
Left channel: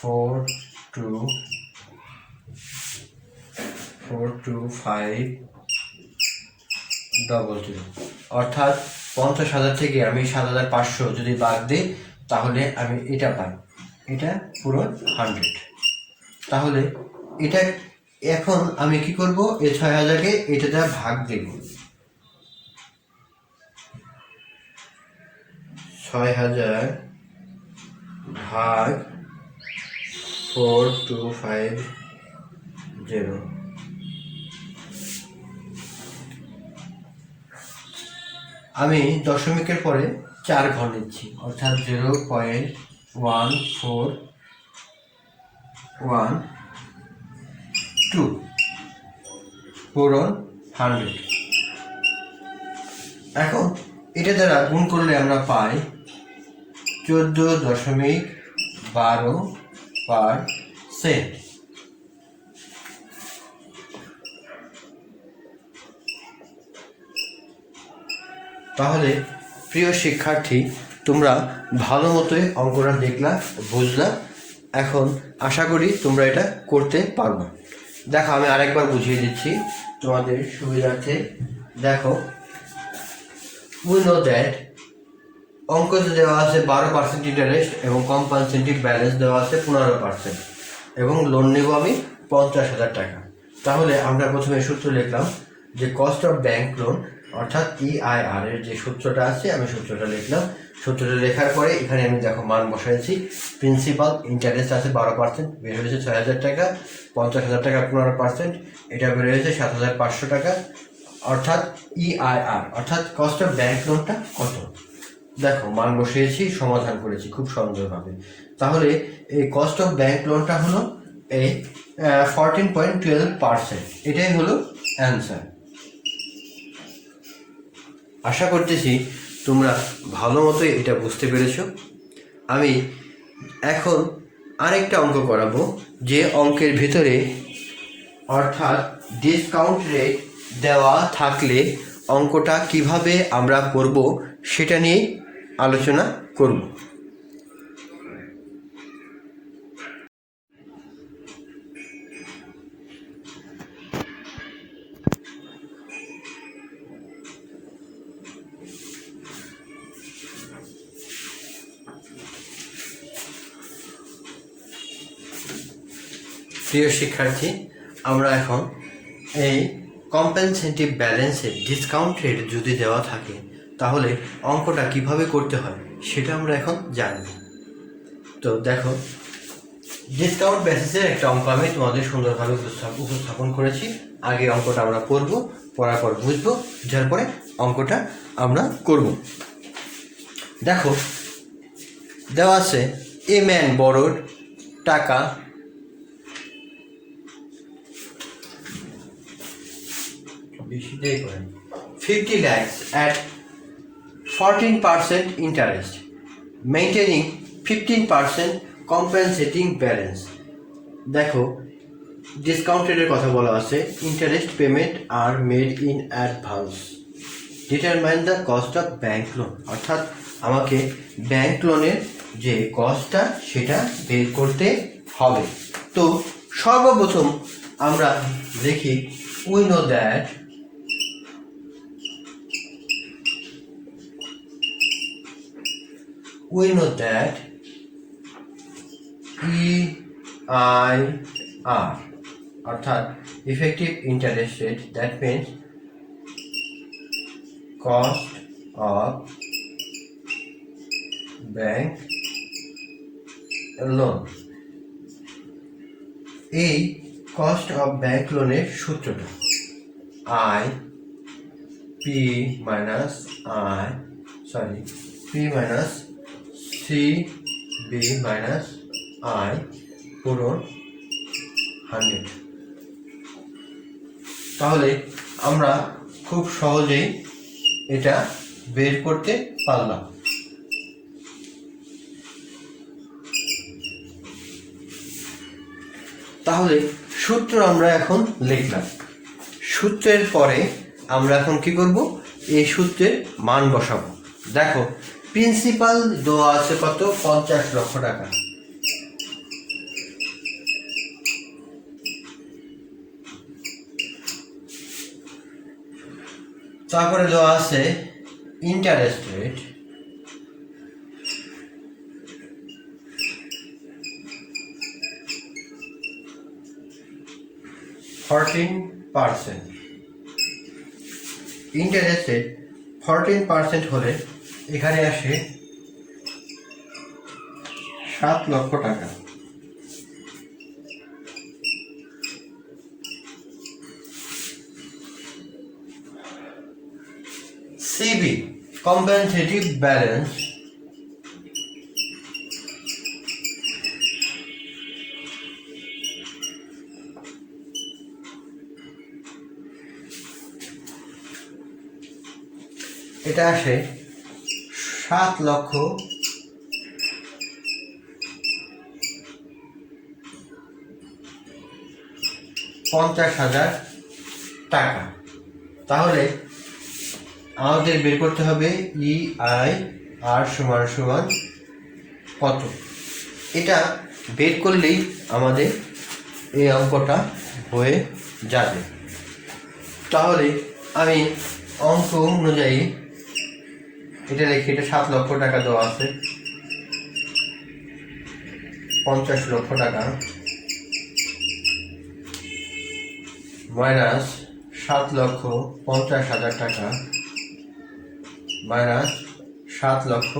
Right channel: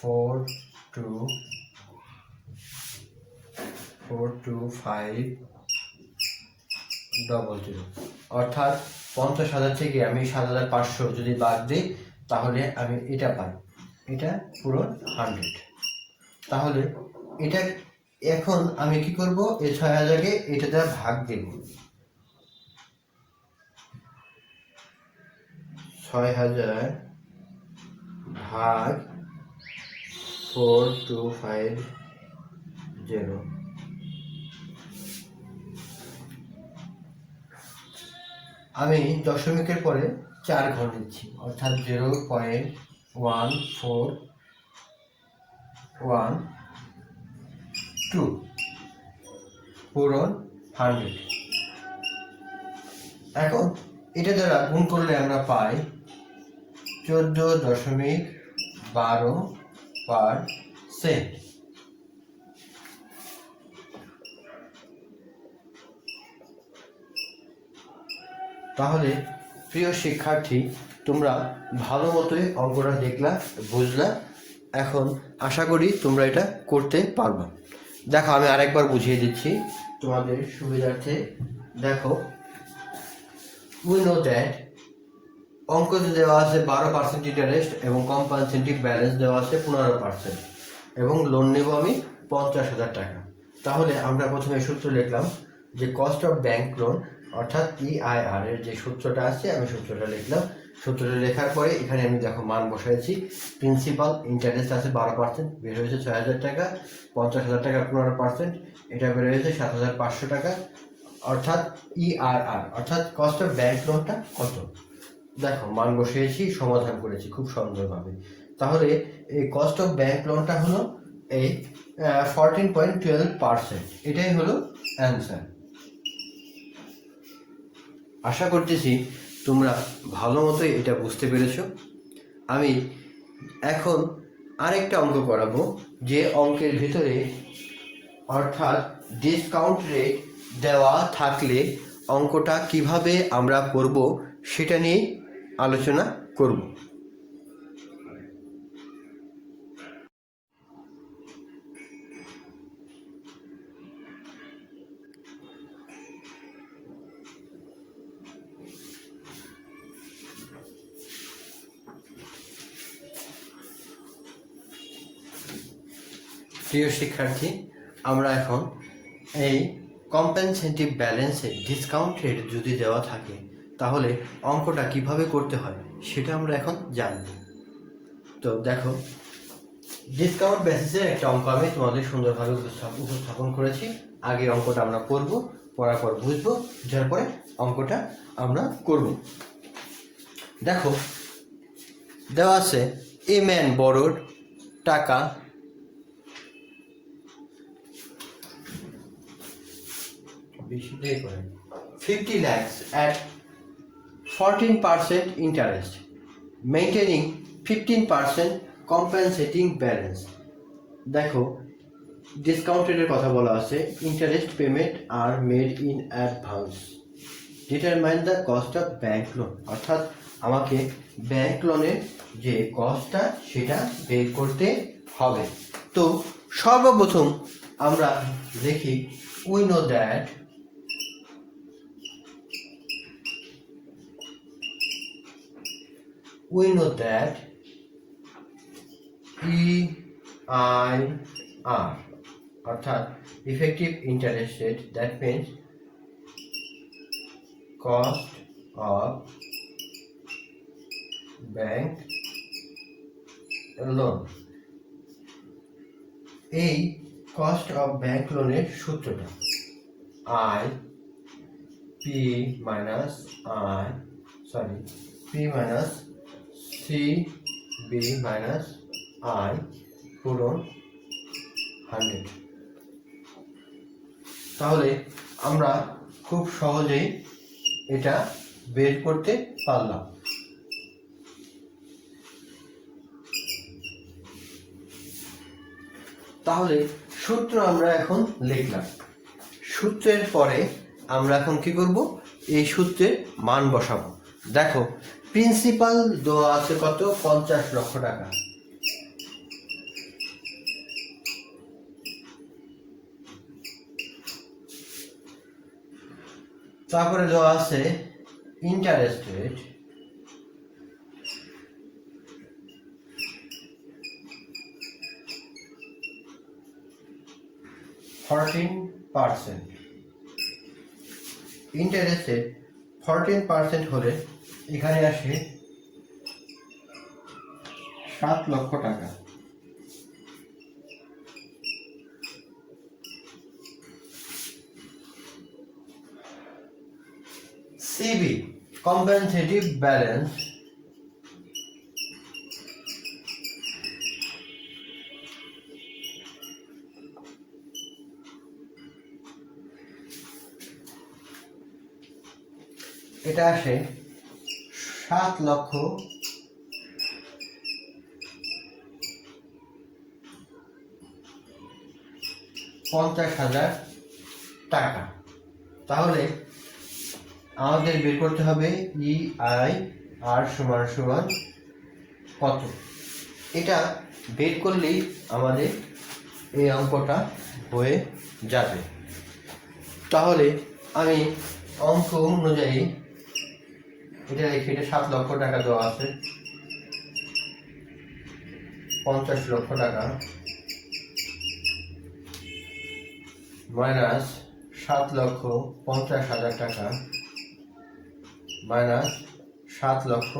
42500, অর্থাৎ 50,000 থেকে আমি 7,500 যদি বাদ দিই তাহলে আমি এটা পাই, এটা পুরো 100। তাহলে এটা এখন আমি কি করব, এই 6,000-কে এটা দ্বারা ভাগ দেব। 6,000 ভাগ 4250। আমি দশমিকের পরে 4 ঘর নিচ্ছি, অর্থাৎ 0.1412 পূরণ 100। এখন এটা দ্বারা গুণ করলে আমরা পাই 14.12%। তাহলে প্রিয় শিক্ষার্থী, তোমরা ভালো মতোই অঙ্কটা দেখলা, বুঝলা। এখন আশা করি তোমরা এটা করতে পারবে। দেখো আমি আরেকবার বুঝিয়ে দিচ্ছি তোমাদের সুবিধার্থে। দেখো, উই নো দ্যাট অঙ্কতে দেওয়া আছে 12% ইন্টারেস্ট এবং কম্পালসেটিভ ব্যালেন্স দেওয়া আছে 15% এবং লোন নেব আমি 50,000 টাকা। তাহলে আমরা প্রথমে সূত্র লিখলাম যে কস্ট অফ ব্যাংক লোন অর্থাৎ EIR এর যে সূত্রটা আছে আমি সূত্রটা লিখলাম। সূত্রটা লেখার পরে এখানে আমি দেখো মান বসাইছি। প্রিন্সিপাল ইন্টারেস্ট আছে 12%, বের হয়েছে 6,000 টাকা। 50,000 টাকা 15%, এটা বের হয়েছে 7,500 টাকা। অর্থাৎ EIR অর্থাৎ কস্ট অফ ব্যাংক লোনটা কত, দেখো মান বসিয়েছি, সমাধান করেছি খুব সুন্দরভাবে। তাহলে এই কস্ট অফ ব্যাংক লোনটা হলো এই 14.12%, এটাই হলো অ্যান্সার। আশা করতেছি তোমরা ভালো মতোই এটা বুঝতে পেরেছ। আমি এখন আরেকটা অঙ্ক করাবো, যে অঙ্কের ভিতরে অর্থাৎ ডিসকাউন্ট রেট দেওয়া থাকলে অঙ্কটা কিভাবে আমরা করব সেটা নিয়ে আলোচনা করব। প্রিয় শিক্ষার্থী, আমরা এখন এই কম্পেনসেটিভ ব্যালেন্সের ডিসকাউন্ট রেট যদি দেওয়া থাকে তাহলে অঙ্কটা কিভাবে করতে হয় সেটা আমরা এখন জানব। তো দেখো, ডিসকাউন্ট বেসিসের একটা অঙ্ক আমি তোমাদের সুন্দরভাবে উপস্থাপন করেছি। আগে অঙ্কটা আমরা পড়বো, পড়ার পর বুঝবো, বুঝার পরে অঙ্কটা আমরা করব। দেখো, দেওয়া আছে এ ম্যান বরোড টাকা বেশি দিয়ে করেন 50 lakhs at 14% interest, maintaining 15% compensating balance. দেখো, ডিসকাউন্ট রেটের কথা বলা আছে, interest payment are made in advance, determine the cost of bank loan, অর্থাৎ আমাকে ব্যাংক লোনের যে কস্টটা সেটা বের করতে হবে। তো সর্বপ্রথম আমরা দেখি, উই নো দ্যাট EIR অর্থাৎ effective interest rate, that means cost of bank loan. এই কস্ট অফ ব্যাংক লোনের সূত্রটা P minus CB minus I পূরণ 100। তাহলে আমরা খুব সহজেই এটা বের করতে পারলাম। তাহলে সূত্র আমরা এখন লিখলাম। সূত্রের পরে আমরা এখন কি করব, এই সূত্রের মান বসাবো। দেখো, প্রিন্সিপাল দেওয়া আছে কত, 50 লক্ষ টাকা। তারপরে দেওয়া আছে ইন্টারেস্ট রেট, ইন্টারেস্ট রেট 14% হলে এখানে আসে 7 লক্ষ টাকা। সিবি কম্পেনসেটিভ ব্যালেন্স, এটা আসে 7,50,000 টাকা। তাহলে আমাদের বের করতে হবে EIR সমান কত। এটা বের করলেই আমাদের এই অঙ্কটা হয়ে যাবে। তাহলে আমি অঙ্ক অনুযায়ী এটা দেখি, এটা 7 লক্ষ টাকা দেওয়া আছে, 50 লক্ষ টাকা মাইনাস 7,50,000 টাকা মাইনাস 7 লক্ষ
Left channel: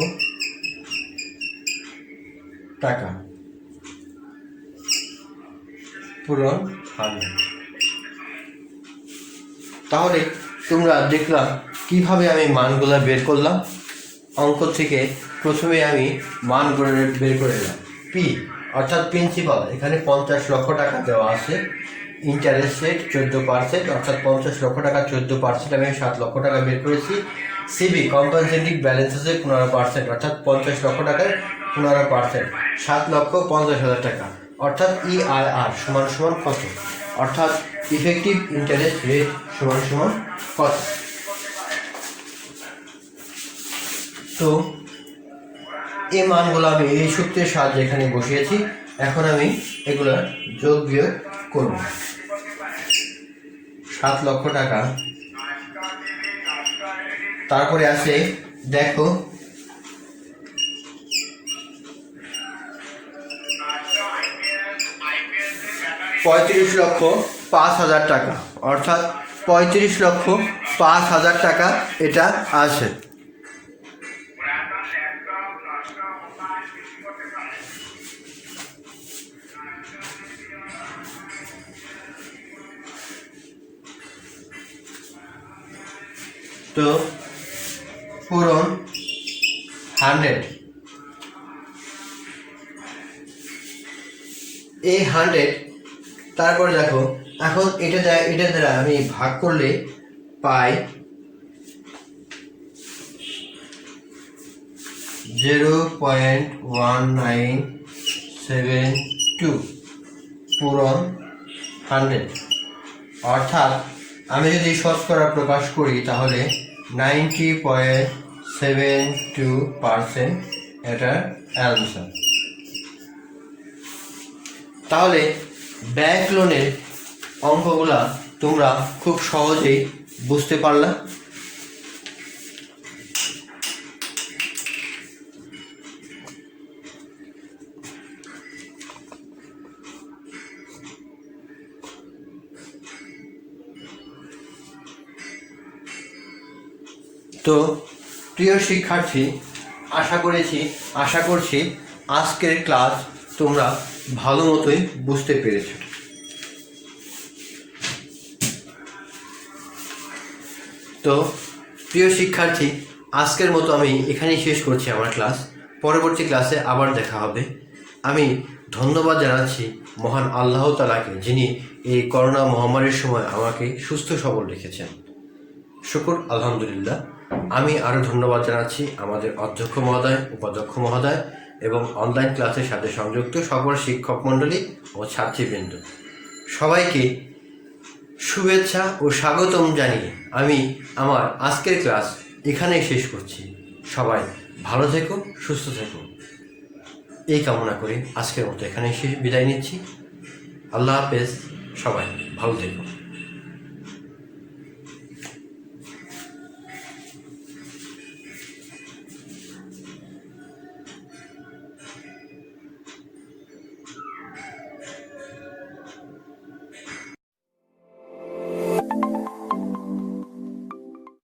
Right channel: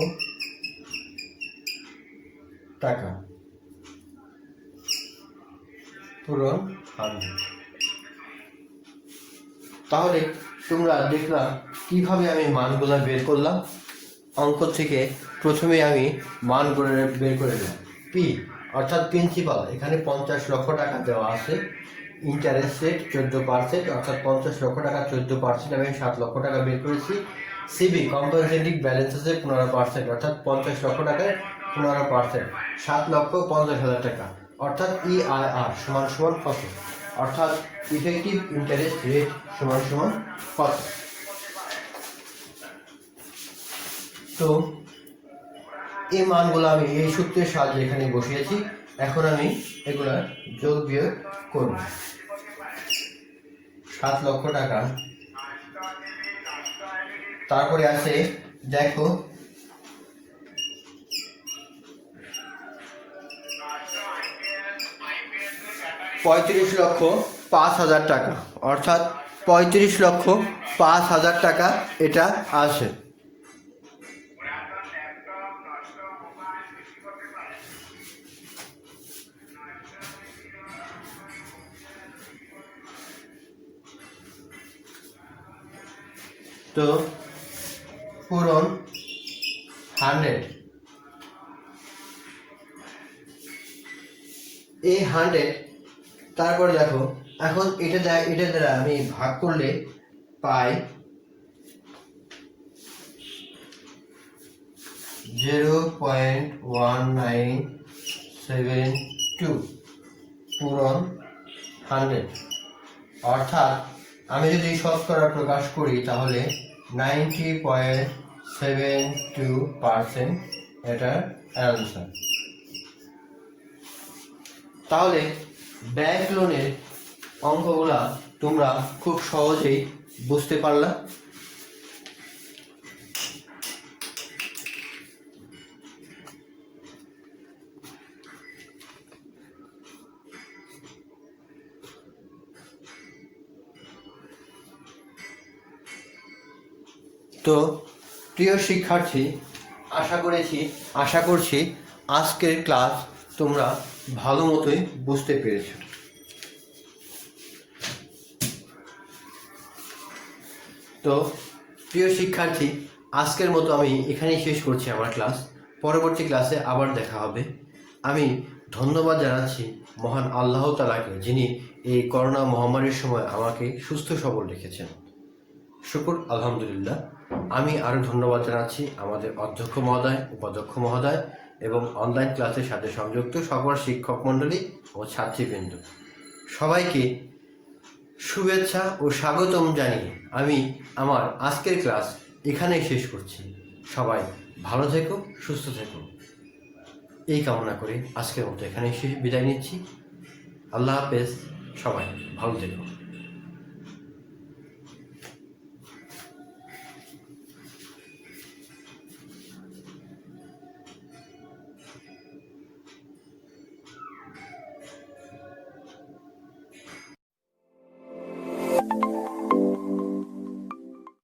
টাকা পূরণ 100। তাহলে তোমরা দেখলা কিভাবে আমি মানগুলো বের করলাম। অঙ্ক থেকে প্রথমে আমি মানগুলো বের করে নিলাম। পি অর্থাৎ প্রিন্সিপাল, এখানে 50 লক্ষ টাকা দেওয়া আছে, ইন্টারেস্ট রেট 14%, অর্থাৎ 50 লক্ষ টাকা 14% আমি 7 লক্ষ টাকা বের করেছি। সিবি কম্পেনসেটিং ব্যালেন্স আছে 15%, অর্থাৎ 50 লক্ষ টাকায় 15% 7,50,000 টাকা, অর্থাৎ EIR সমান কত, অর্থাৎ ইফেক্টিভ ইন্টারেস্ট রেট সমান কত। তো এই মানগুলো আমি এই সূত্রের সাহায্যে এখানে বসিয়েছি। এখন আমি এগুলা যোগ বিয়োগ করব। 7 লক্ষ টাকা, তারপরে আছে দেখো 35,05,000 টাকা, অর্থাৎ 35,05,000 টাকা এটা আসে। তো পূরণ 100, এই 100, তারপরে দেখো এখন এটা দ্বারা আমি ভাগ করলে পাই 0.1972 পূরণ 100, অর্থাৎ আমি যদি শতকরা প্রকাশ করি তাহলে 90.72% এটার অ্যান্সার। তাহলে ব্যাংক লোনের অঙ্কগুলা তোমরা খুব সহজেই বুঝতে পারলা। তো প্রিয় শিক্ষার্থী, আশা করছি আজকের ক্লাস তোমরা ভালো মতোই বুঝতে পেরেছ। তো প্রিয় শিক্ষার্থী, আজকের মতো আমি এখানেই শেষ করছি আমার ক্লাস। পরবর্তী ক্লাসে আবার দেখা হবে। আমি ধন্যবাদ জানাচ্ছি মহান আল্লাহ তাআলাকে, যিনি এই করোনা মহামারীর সময় আমাকে সুস্থ সবল রেখেছেন। শুকর আলহামদুলিল্লাহ। আমি আরও ধন্যবাদ জানাচ্ছি আমাদের অধ্যক্ষ মহোদয়, উপাধ্যক্ষ মহোদয় এবং অনলাইন ক্লাসের সাথে সংযুক্ত সকল শিক্ষক মণ্ডলী ও ছাত্রীবৃন্দ। সবাইকে শুভেচ্ছা ও স্বাগতম জানিয়ে আমি আমার আজকের ক্লাস এখানেই শেষ করছি। সবাই ভালো থেকো, সুস্থ থেকো, এই কামনা করে আজকের মতো এখানেই বিদায় নিচ্ছি। আল্লাহ হাফেজ, সবাই ভালো থেকো।